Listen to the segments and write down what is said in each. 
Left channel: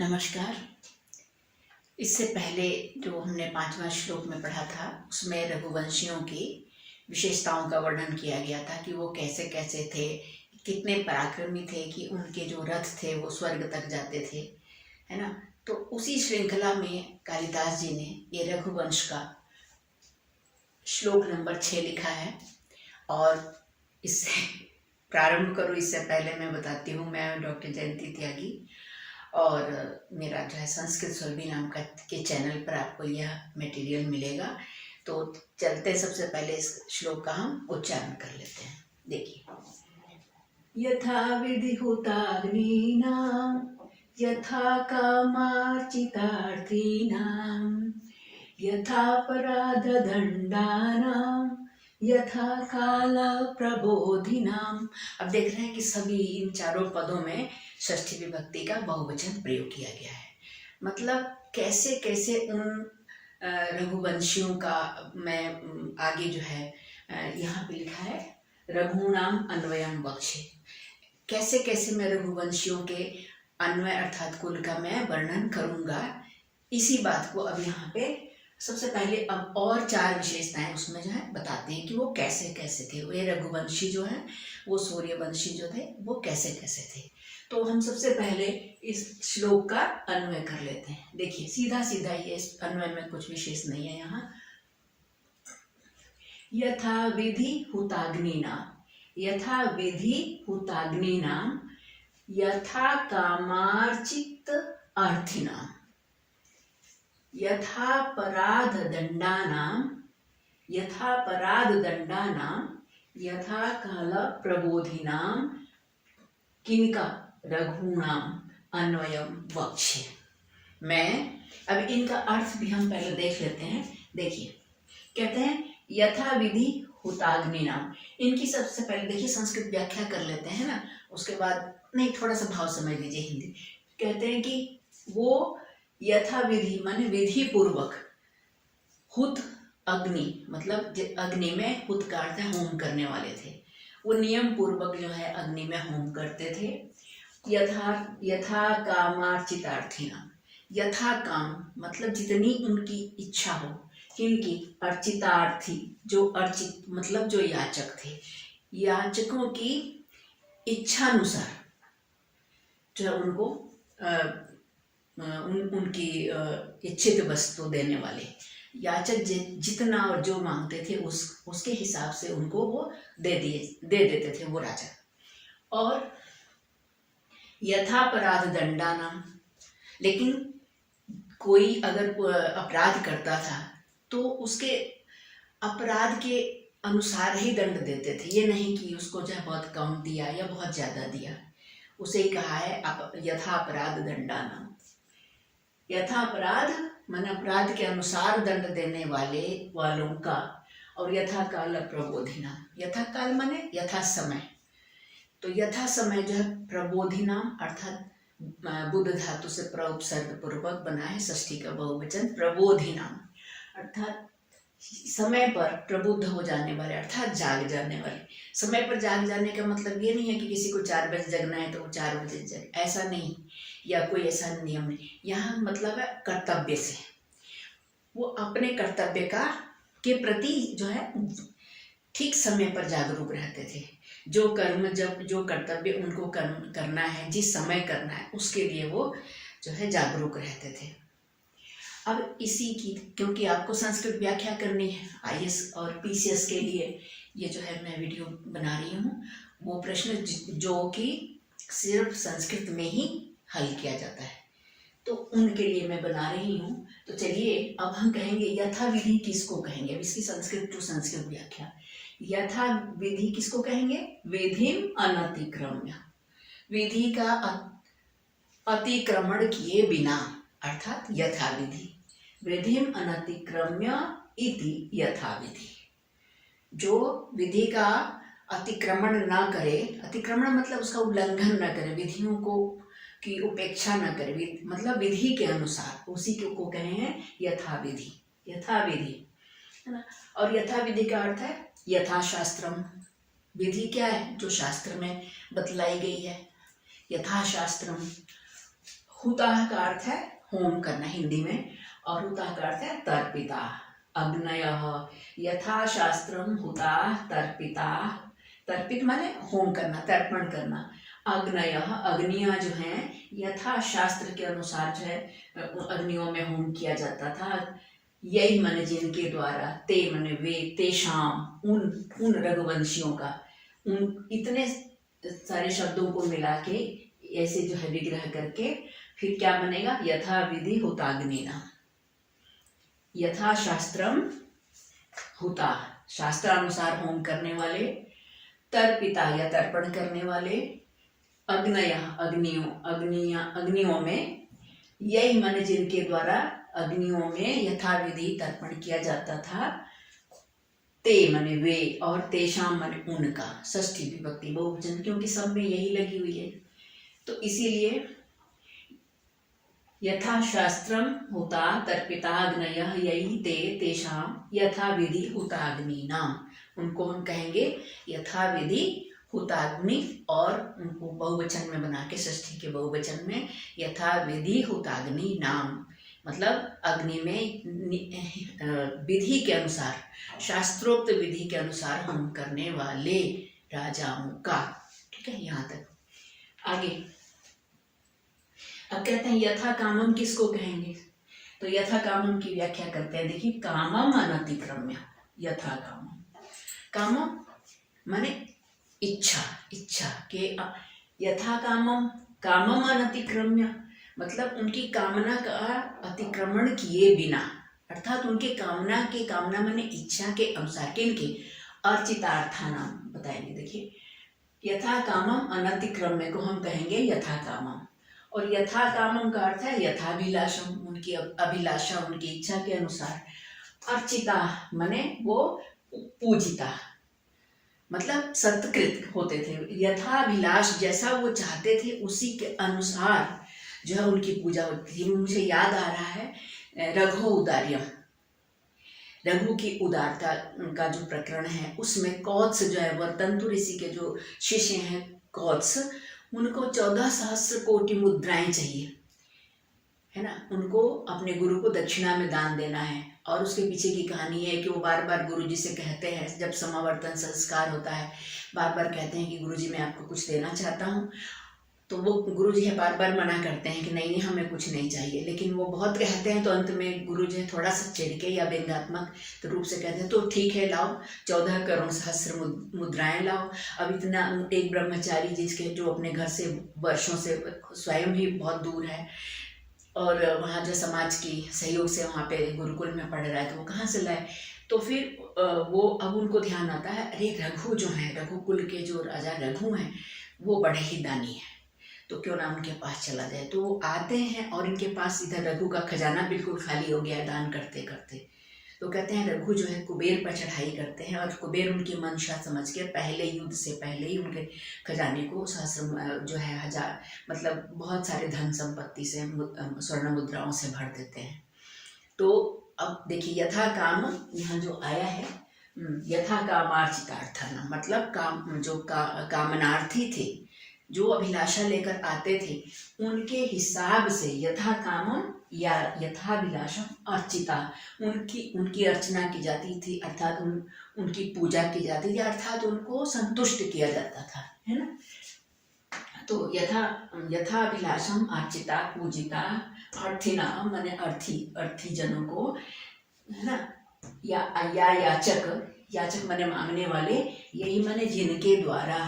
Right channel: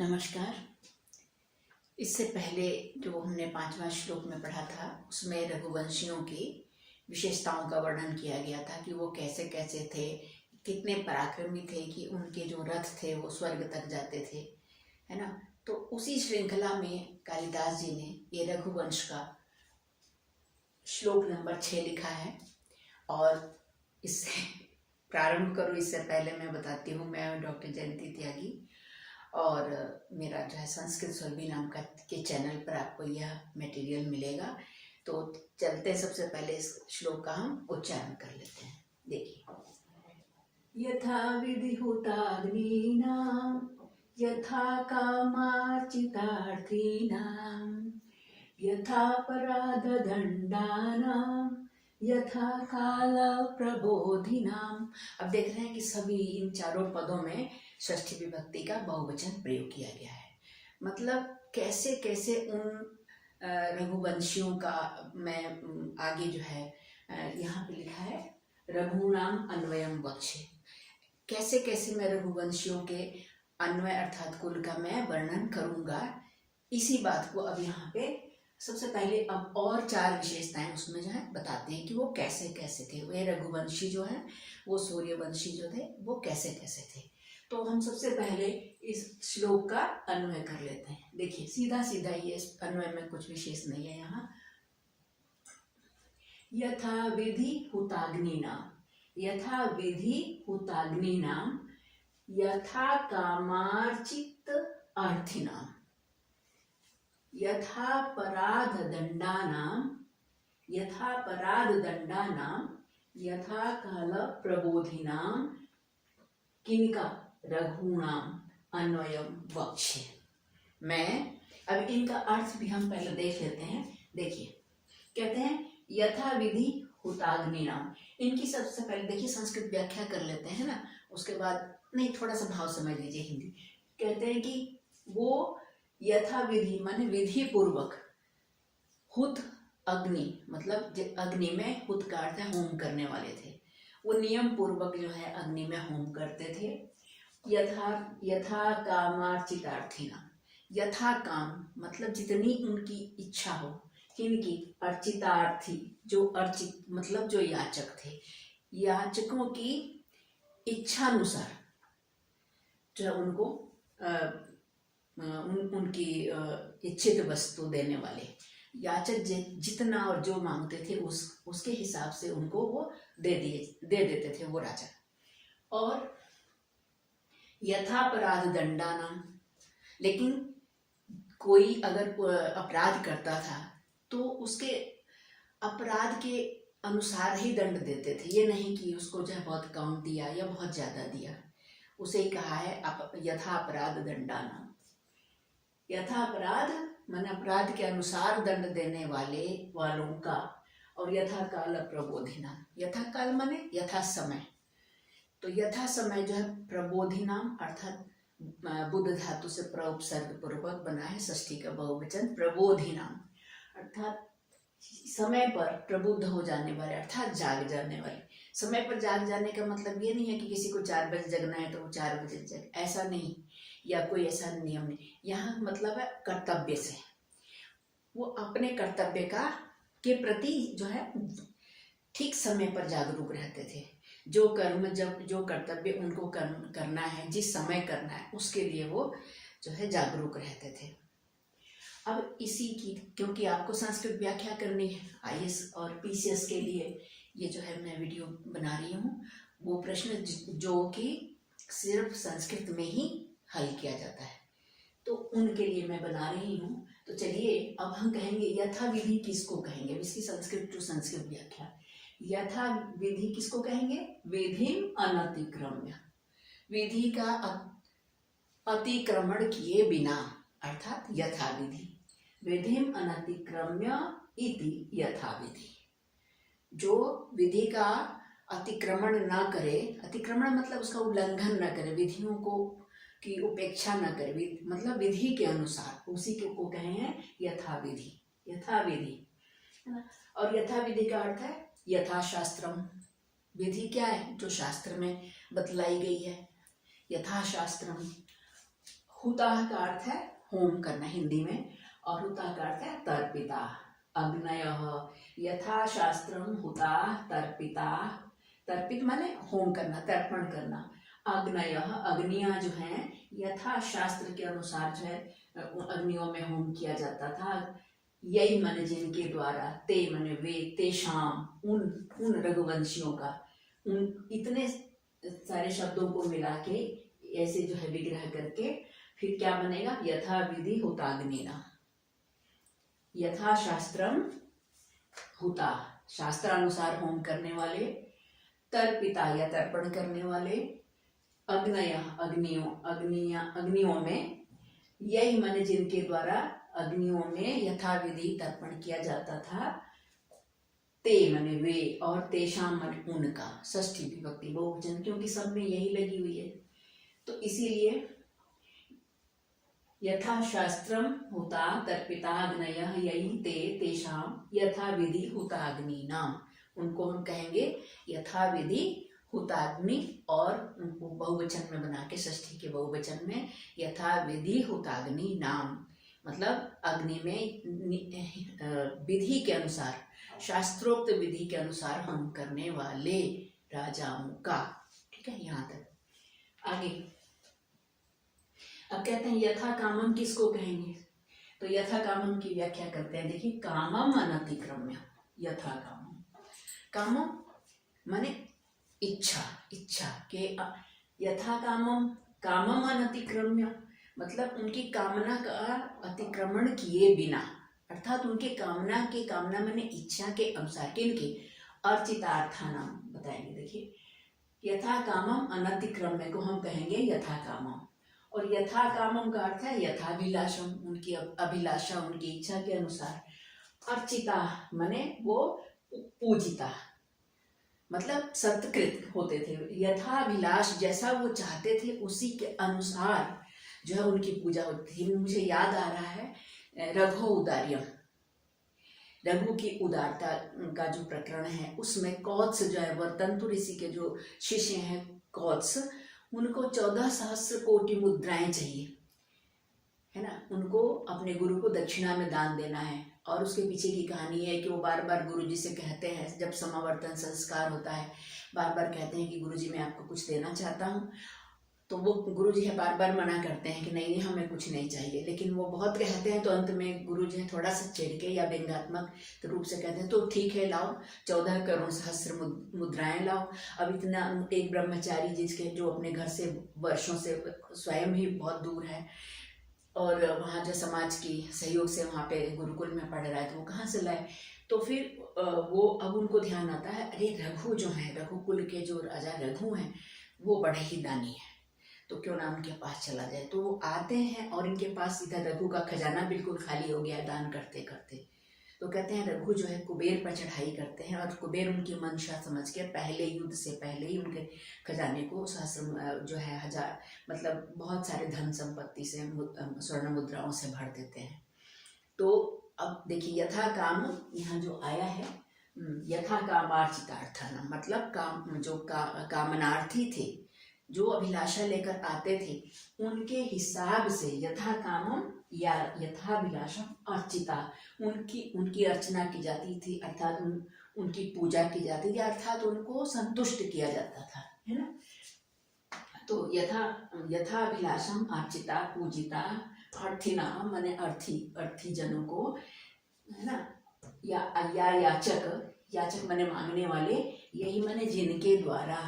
नमस्कार। इससे पहले जो हमने 5वां श्लोक में पढ़ा था उसमें रघुवंशियों की विशेषताओं का वर्णन किया गया था कि वो कैसे कैसे थे, कितने पराक्रमी थे कि उनके जो रथ थे वो स्वर्ग तक जाते थे, है ना। तो उसी श्रृंखला में कालिदास जी ने ये रघुवंश का श्लोक नंबर 6 लिखा है। और इससे प्रारंभ करूँ इससे पहले मैं बताती हूँ, मैं डॉक्टर जयंती त्यागी और मेरा जो है संस्कृत सुरभि नाम के चैनल पर आपको यह मटेरियल मिलेगा। तो चलते सबसे पहले इस श्लोक का हम उच्चारण कर लेते हैं। देखिए, यथा विधिहुताग्नीनां यथा कामार्चितार्थीनां यथापराधदण्डानां यथा कालप्रबोधिनां। अब देख रहे हैं कि सभी इन चारों पदों में षष्ठी विभक्ति का बहुवचन प्रयोग किया गया है। मतलब कैसे कैसे उन रघुवंशियों का मैं आगे जो है यहाँ पे लिखा है रघुनाम अन्वयम बक्षे, कैसे कैसे मैं रघुवंशियों के अन्वय अर्थात कुल का मैं वर्णन करूंगा। इसी बात को अब यहाँ पे सबसे पहले अब और 4 विशेषताएं उसमें जो है बताते हैं कि वो कैसे कैसे थे। ये रघुवंशी जो है वो सूर्यवंशी जो थे वो कैसे कैसे थे। तो हम सबसे पहले इस श्लोक का अन्वय कर लेते हैं। देखिए सीधा सीधा ये इस अन्वय में कुछ विशेष नहीं है यहाँ। यथा विधि हुताग्नीनां यथा विधि हुताग्नीनां यथा कामार्चित अर्थिनां यथापराधदण्डानां यथा कालप्रबोधिनां किनका रघूणाम अन्वयम वक्ष्ये। मैं अब इनका अर्थ भी हम पहले देख लेते हैं। देखिए कहते हैं यथा विधि हुताग्नीनां, इनकी सबसे पहले देखिए संस्कृत व्याख्या कर लेते हैं ना, उसके बाद नहीं थोड़ा सा भाव समझ लीजिए हिंदी। कहते हैं कि वो यथा विधि माने विधि पूर्वक, हुत अग्नि मतलब अग्नि में हुत का अर्थ है होम करने वाले थे, वो नियम पूर्वक जो है अग्नि में होम करते थे। यथा कामार्चितार्थिनां, यथा काम मतलब जितनी उनकी इच्छा हो, किनकी अर्चितार्थी, जो अर्चित मतलब जो याचक थे, याचकों की इच्छानुसार जो उनको उनकी इच्छित वस्तु देने वाले याचक जितना और जो मांगते थे उसके हिसाब से उनको वो दे देते थे वो राजा। और यथापराध दंडानाम, लेकिन कोई अगर अपराध करता था तो उसके अपराध के अनुसार ही दंड देते थे। ये नहीं कि उसको जो है बहुत कम दिया या बहुत ज़्यादा दिया। उसे ही कहा है यथा अपराध दंडानाम। यथा अपराध मन अपराध के अनुसार दंड देने वालों का। और यथा काल प्रबोधिना, यथा काल माने यथा समय, तो यथा समय जो है प्रबोधिनाम अर्थात बुद्ध धातु से प्रउपसर्ग पूर्वक बना है षष्ठी का बहुवचन प्रबोधिनाम, अर्थात समय पर प्रबुद्ध हो जाने वाले अर्थात जाग जाने वाले। समय पर जाग जाने का मतलब ये नहीं है कि किसी को 4 बजे जगना है तो वो 4 बजे जग, ऐसा नहीं, या कोई ऐसा नियम नहीं। यहाँ मतलब है कर्तव्य से, वो अपने कर्तव्य के प्रति जो है ठीक समय पर जागरूक रहते थे। जो कर्म जब जो कर्तव्य उनको करना है, जिस समय करना है, उसके लिए वो जो है जागरूक रहते थे। अब इसी की क्योंकि आपको संस्कृत व्याख्या करनी है IAS और PCS के लिए, ये जो है मैं वीडियो बना रही हूँ, वो प्रश्न जो कि सिर्फ संस्कृत में ही हल किया जाता है, तो उनके लिए मैं बना रही हूँ। तो चलिए अब हम कहेंगे यथा विधि किसको कहेंगे। अब इसकी संस्कृत टू संस्कृत व्याख्या। यथा विधि किसको कहेंगे? विधिम अनतिक्रम्य, विधि का अतिक्रमण किए बिना अर्थात यथा विधि। विधिम अनतिक्रम्य इति यथा विधि, जो विधि का अतिक्रमण न करे, अतिक्रमण मतलब उसका उल्लंघन न करे, विधियों को की उपेक्षा न करे, मतलब विधि के अनुसार, उसी को कहे हैं यथा विधि, यथा विधि, है ना। और यथा विधि का अर्थ है यथा शास्त्रम। विधि क्या है? जो शास्त्र में बतलाई गई है। यथा शास्त्रम हुताः का अर्थ है होम करना हिंदी में, और हुताः का अर्थ है तर्पिता। अग्नयः यथा शास्त्रम हुताः तर्पिताः, तर्पित माने होम करना, तर्पण करना। अग्नयः अग्नियां जो हैं यथा शास्त्र के अनुसार जो है अग्नियों में होम किया जाता था। यही मन जिनके द्वारा, ते मने वे, तेषाम उन रघुवंशियों का, उन इतने सारे शब्दों को मिला के ऐसे जो है विग्रह करके फिर क्या बनेगा, यथा विधि हुताग्निना। यथा शास्त्रम हुता, शास्त्रानुसार होम करने वाले, तर्पिता या तर्पण करने वाले, अग्नय अग्नियों में, यही मन जिनके द्वारा अग्नियों में यथाविधि तर्पण किया जाता था। ते मने वे, और तेषाम मने उनका, षष्ठी विभक्ति बहुवचन, क्योंकि सब में यही लगी हुई है। तो इसीलिए यथा शास्त्रम हुता तर्पिता अग्नयः यही ते तेषाम यथाविधि हुताग्निनाम, उनको हम कहेंगे यथाविधि हुताग्नि, और उनको बहुवचन में बना के षष्ठी के बहुवचन में यथाविधि हुताग्नि नाम, मतलब अग्नि में विधि के अनुसार, शास्त्रोक्त विधि के अनुसार होम करने वाले राजाओं का। ठीक है, यहाँ तक। आगे अब कहते हैं यथा कामम किसको कहेंगे, तो यथा कामम की व्याख्या करते हैं। देखिए, कामम अनतिक्रम्य, यथा कामम, कामम माने इच्छा, इच्छा के, यथा कामम, कामम अनतिक्रम्य मतलब उनकी कामना का अतिक्रमण किए बिना, अर्थात उनके कामना माने इच्छा के अनुसार, किनके, अर्चितार्था नाम बताएंगे। देखिए, यथा कामम अनतिक्रम्य को हम कहेंगे यथा कामम, और यथा कामम का अर्थ है यथाभिलाषम, उनकी अभिलाषा, उनकी इच्छा के अनुसार। अर्चिता माने वो पूजिता, मतलब सत्कृत होते थे, यथाभिलाष, जैसा वो चाहते थे उसी के अनुसार जो है उनकी पूजा होती थी। मुझे याद आ रहा है रघु उदार्यम, रघु की उदारता का जो प्रकरण है उसमें कौत्स जो है, वर्तंतु ऋषि के जो शिष्य हैं कौत्स, उनको 14 सहस्र कोटि मुद्राएं चाहिए, है ना, उनको अपने गुरु को दक्षिणा में दान देना है। और उसके पीछे की कहानी है कि वो बार बार गुरु जी से कहते हैं, जब समावर्तन संस्कार होता है, बार बार कहते हैं कि गुरु जी मैं आपको कुछ देना चाहता हूँ, तो वो गुरु जी है बार बार मना करते हैं कि नहीं हमें कुछ नहीं चाहिए, लेकिन वो बहुत कहते हैं, तो अंत में गुरु जी थोड़ा सा चिढ़ के या व्यंग्यात्मक रूप से कहते हैं, तो ठीक है लाओ, 14 करोड़ सहस्र मुद्राएं लाओ। अब इतना एक ब्रह्मचारी जिसके जो अपने घर से वर्षों से स्वयं भी बहुत दूर है, और वहाँ जो समाज की सहयोग से वहाँ पे गुरुकुल में पढ़ रहा है, तो वो कहाँ से लाए। तो फिर वो अब उनको ध्यान आता है, अरे रघु जो है, रघुकुल के जो राजा रघु हैं वो बड़े ही दानी है, तो क्यों ना उनके पास चला जाए। तो आते हैं और इनके पास इधर रघु का खजाना बिल्कुल खाली हो गया है दान करते करते। तो कहते हैं रघु जो है कुबेर पर चढ़ाई करते हैं, और कुबेर उनकी मंशा समझ के पहले युद्ध से पहले ही उनके खजाने को सहस्र जो है 1000 मतलब बहुत सारे धन संपत्ति से, स्वर्ण मुद्राओं से भर देते हैं। तो अब देखिए यथा काम यहाँ जो आया है, यथा कामार्चितार्थाना, मतलब काम जो कामनार्थी थे, जो अभिलाषा लेकर आते थे, उनके हिसाब से यथा कामम या यथाभिलाषम अर्चिता, उनकी अर्चना की जाती थी, अर्थात उनकी पूजा की जाती थी, अर्थात उनको संतुष्ट किया जाता था, है ना। तो यथाभिलाषम अर्चिता पूजिता, अर्थिना माने अर्थी जनों को, है ना, या याचक माने मांगने वाले, यही माने जिनके द्वारा,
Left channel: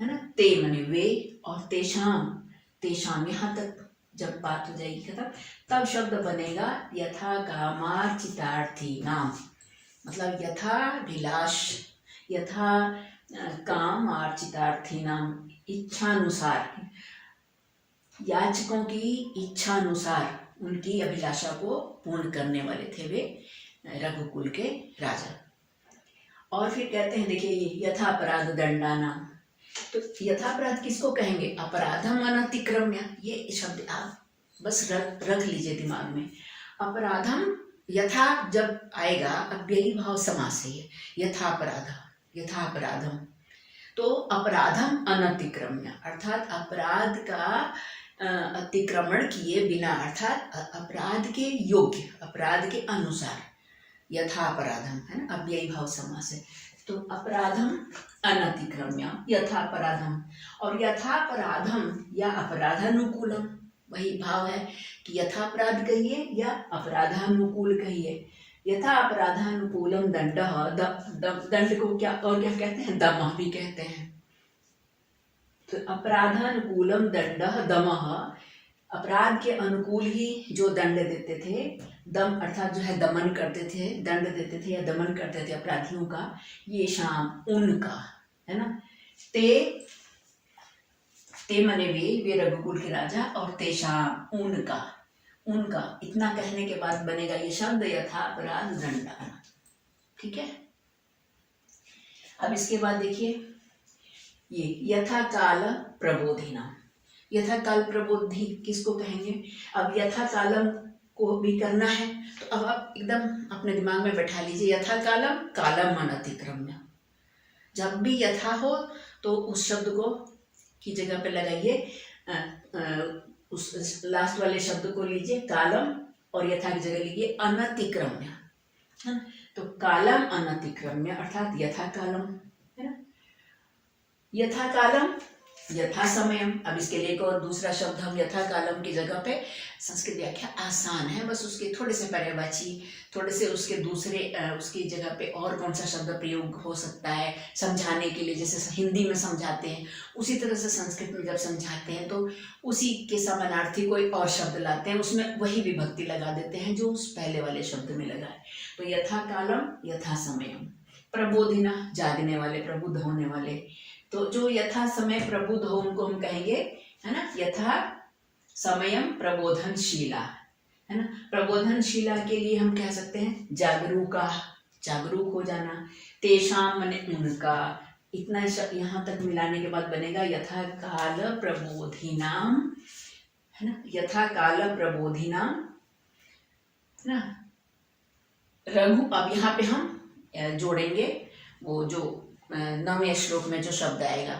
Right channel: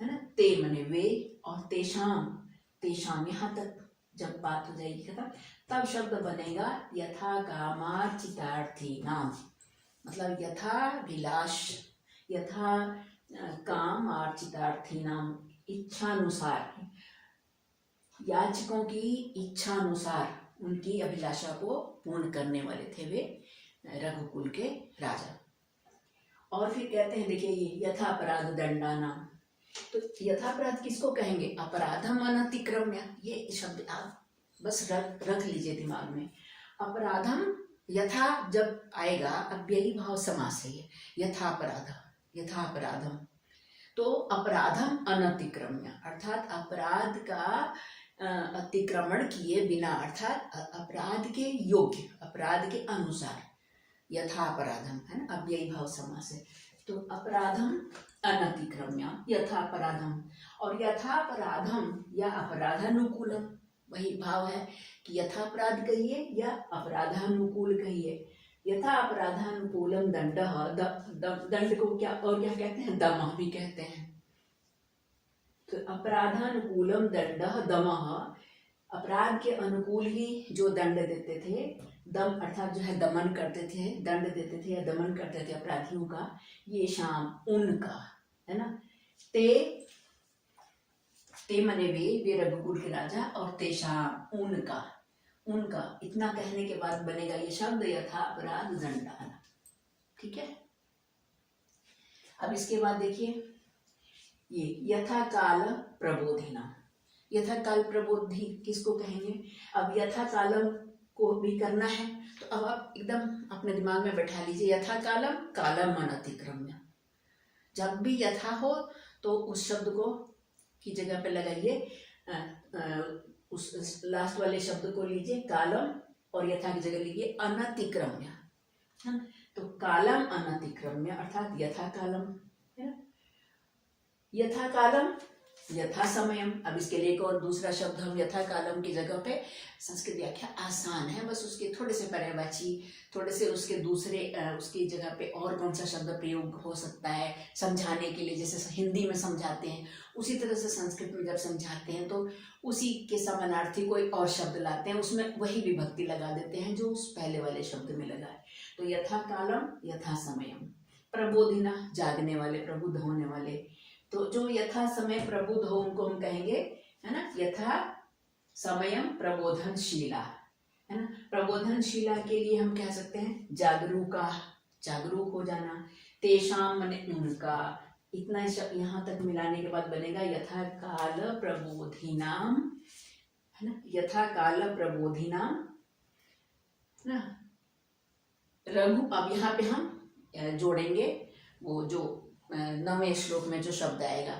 है ना, ते मने वे, और तेषाम यहाँ तक जब बात हो जाएगी खत्म, तब शब्द बनेगा यथा कामार्चितार्थी नाम, मतलब यथा काम अर्चितार्थी नाम, इच्छानुसार, याचकों की इच्छानुसार उनकी अभिलाषा को पूर्ण करने वाले थे वे रघुकुल के राजा। और फिर कहते हैं देखिए यथा अपराध दंडाना, तो यथापराध किसको कहेंगे, अपराधम अनतिक्रम्य, ये शब्द आप बस रख लीजिए दिमाग में। अपराधम यथा जब आएगा, अव्ययी भाव समास है, यथापराधम, तो अपराधम अनतिक्रम्य, अर्थात अपराध का अतिक्रमण किए बिना, अर्थात अपराध के योग्य, अपराध के अनुसार, यथा अपराधम, है ना, अब यही भाव समास है। तो अपराधम अनतिक्रम्य यथा अपराधम, और यथा अपराधम या अपराधानुकूलम, वही भाव है कि यथा अपराध कहिए या अपराधानुकूल कहिए। यथा अपराधानुकूलम दंड, दंड को क्या और क्या कहते हैं, दमः भी कहते हैं। तो अपराधानुकूलम दंड दमः, अपराध के अनुकूल ही जो दंड देते थे, दम अर्थात जो है दमन करते थे, दंड देते थे या दमन करते थे अपराधियों का, ये शाम उनका, है ना। ते मने वे रघुकुल के राजा, और तेषाम उनका, उनका इतना कहने के बाद बनेगा ये शब्द यथा अपराध दंडान, ठीक है। अब इसके बाद देखिए ये यथा काल प्रबोधिना, यथा काल प्रबोधि किसको कहेंगे। अब यथा कालम को भी करना है, तो अब आप एकदम अपने दिमाग में बैठा लीजिए, यथा कालम, कालम अनतिक्रम्य, जब भी यथा हो तो उस शब्द को की जगह पे लगाइए, उस लास्ट वाले शब्द को लीजिए कालम, और यथा की जगह लीजिए अनतिक्रम्य, है ना। तो कालम अनतिक्रम्य अर्थात यथा कालम, है ना। यथा कालम, यथा समयम। अब इसके लिए एक और दूसरा शब्द हम यथा कालम की जगह पे, संस्कृत व्याख्या आसान है, बस उसके थोड़े से पर्यायवाची, थोड़े से उसके दूसरे उसकी जगह पे और कौन सा शब्द प्रयोग हो सकता है समझाने के लिए, जैसे हिंदी में समझाते हैं उसी तरह से संस्कृत में जब समझाते हैं तो उसी के समानार्थी कोई और शब्द लाते हैं, उसमें वही विभक्ति लगा देते हैं जो उस पहले वाले शब्द में लगा है। तो यथा कालम, यथा समयम। प्रबोधिना, जागने वाले, प्रबुद्ध होने वाले, तो जो यथा समय प्रबुद्ध हो उनको हम कहेंगे, है ना, यथा समयम प्रबोधनशीला, है ना। प्रबोधनशीला के लिए हम कह सकते हैं जागरूका, जागरूक हो जाना। तेषाम माने उनका, इतना यहाँ तक मिलाने के बाद बनेगा यथा काल प्रबोधिनाम, है ना, यथा काल प्रबोधिनाम, है ना। रघु, अब यहाँ पे हम जोड़ेंगे वो जो 9वें श्लोक में जो शब्द आएगा,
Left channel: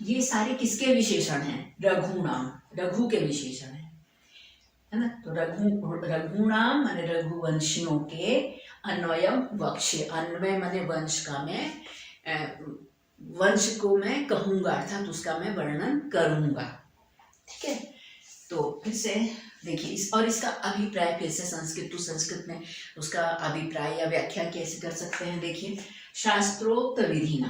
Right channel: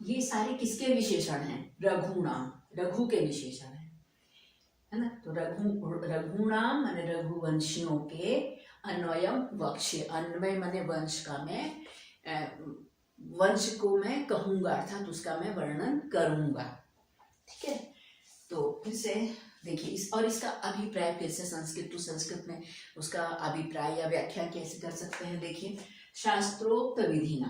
ये सारे किसके विशेषण हैं, रघुनाम, रघु के विशेषण है ना। तो रघुनाम माने रघुवंशियों के, अन्वयम वक्ष्य, अन्वय माने वंश का, मैं वंश को मैं कहूंगा अर्थात उसका मैं वर्णन करूंगा, ठीक है। तो फिर से देखिए इस और इसका अभिप्राय फिर से संस्कृत टू संस्कृत में उसका अभिप्राय या व्याख्या कैसे कर सकते हैं। देखिए शास्त्रोक्त विधिना,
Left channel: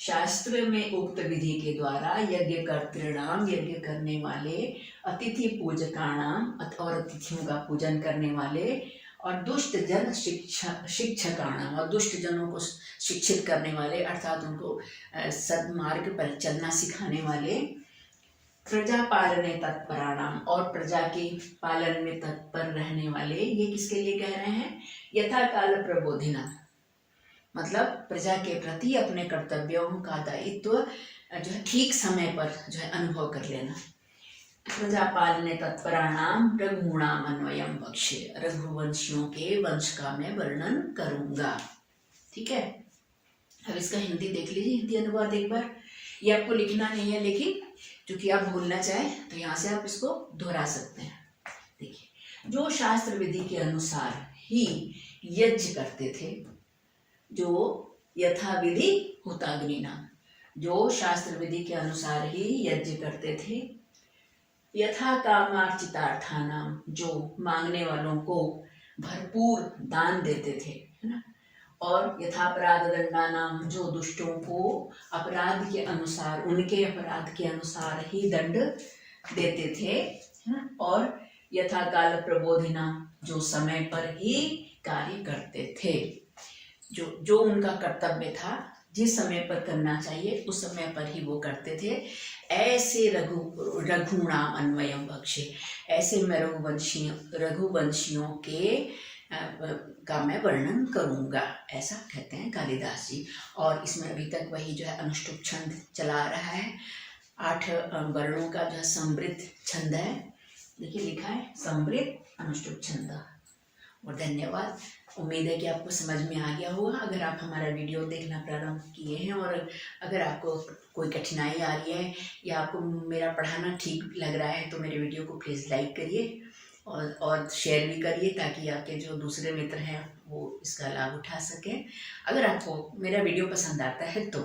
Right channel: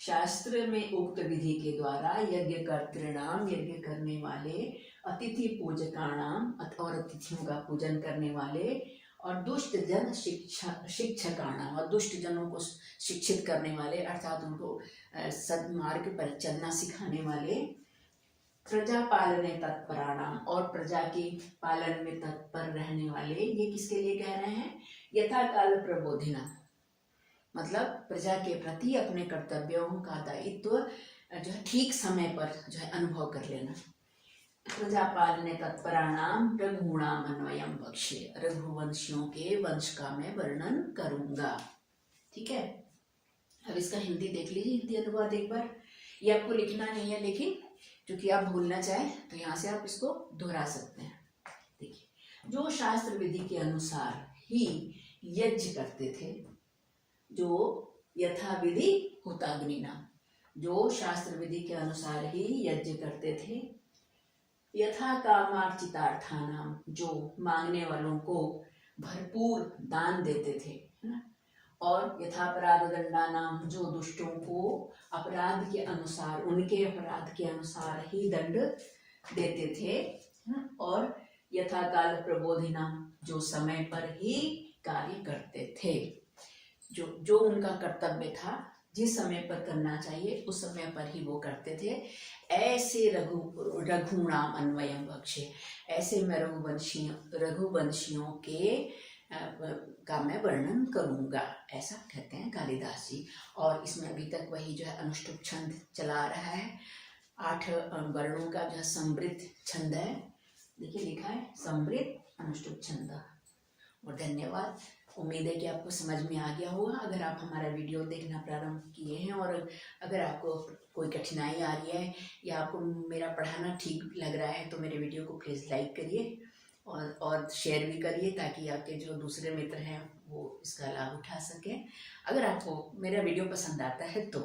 शास्त्र में उक्त विधि के द्वारा यज्ञ कर्तृणाम, यज्ञ करने वाले, अतिथि पूजकाणाम और अतिथियों का पूजन करने वाले, और दुष्ट जन शिक्षकाणाम, और दुष्ट जनों को शिक्षित करने वाले अर्थात उनको सद्मार्ग पर चलना सिखाने वाले, प्रजा पालने तत्पराणाम, और प्रजा के पालन में तत्पर रहने वाले, ये किसके लिए कह रहे हैं, यथा काल प्रबोधिना, मतलब प्रजा के प्रति अपने कर्तव्यों का दायित्व जो है ठीक समय पर जो है अनुभव कर लेना। प्रजा पालने तत्पराणाम रघुणाम अन्वयम वक्ष्ये, रघुवंशियों के वंश का मैं वर्णन करूंगा, ठीक है। अब इसका हिंदी देख लीजिए, हिंदी अनुवाद एक बार, ये आपको लिखना नहीं है लेकिन क्योंकि आप भूलना चाहें तो यहाँ से आप इसको दोहरा सकते हैं। देखिए जो शास्त्र विधि के अनुसार ही यज्ञ करते थे, जो यथा विधि हुताग्निना, जो शास्त्र विधि के अनुसार ही यज्ञ करते थे, यथा कामार्चितार्थानाम, जो मांगने वालों को भरपूर दान देते थे, है ना, और यथापराध दंडानाम, जो दुष्टों को अपराध के अनुसार, उनके अपराध के अनुसार ही दंड देते थे, है ना, और यथा काल प्रबोधिना, जो समय पर ही कार्य करते थे, जो उनका कर्तव्य था, जिस समय पर करना चाहिए उस समय पर ही वो करते थे। ऐसे रघुणाम अन्वयम बख्शे, ऐसे मैं रघुवंशियों के का मैं वर्णन करूंगा, ऐसा कहते हैं कालिदास जी। और इसमें अभी तक वही जो है अनुष्टुप छंद चला रहा है, 8 वर्णों का जो समृद्ध छंद है, देखिए लिखा है समृद्ध अनुष्टुप छंद। और धन्यवाद। उम्मीद है कि आपको समझ में आ गया होगा। अगर आप हमारा वीडियो देखना प्रारंभ किए हैं और अगर आपको कोई कठिनाई आ रही है या आपको मेरा पढ़ाना ठीक लग रहा है तो मेरे वीडियो को प्लीज़ लाइक करिए और शेयर भी करिए, ताकि आपके जो दूसरे मित्र हैं वो इसका लाभ उठा सकें। अगर आपको मेरा वीडियो पसंद आता है तो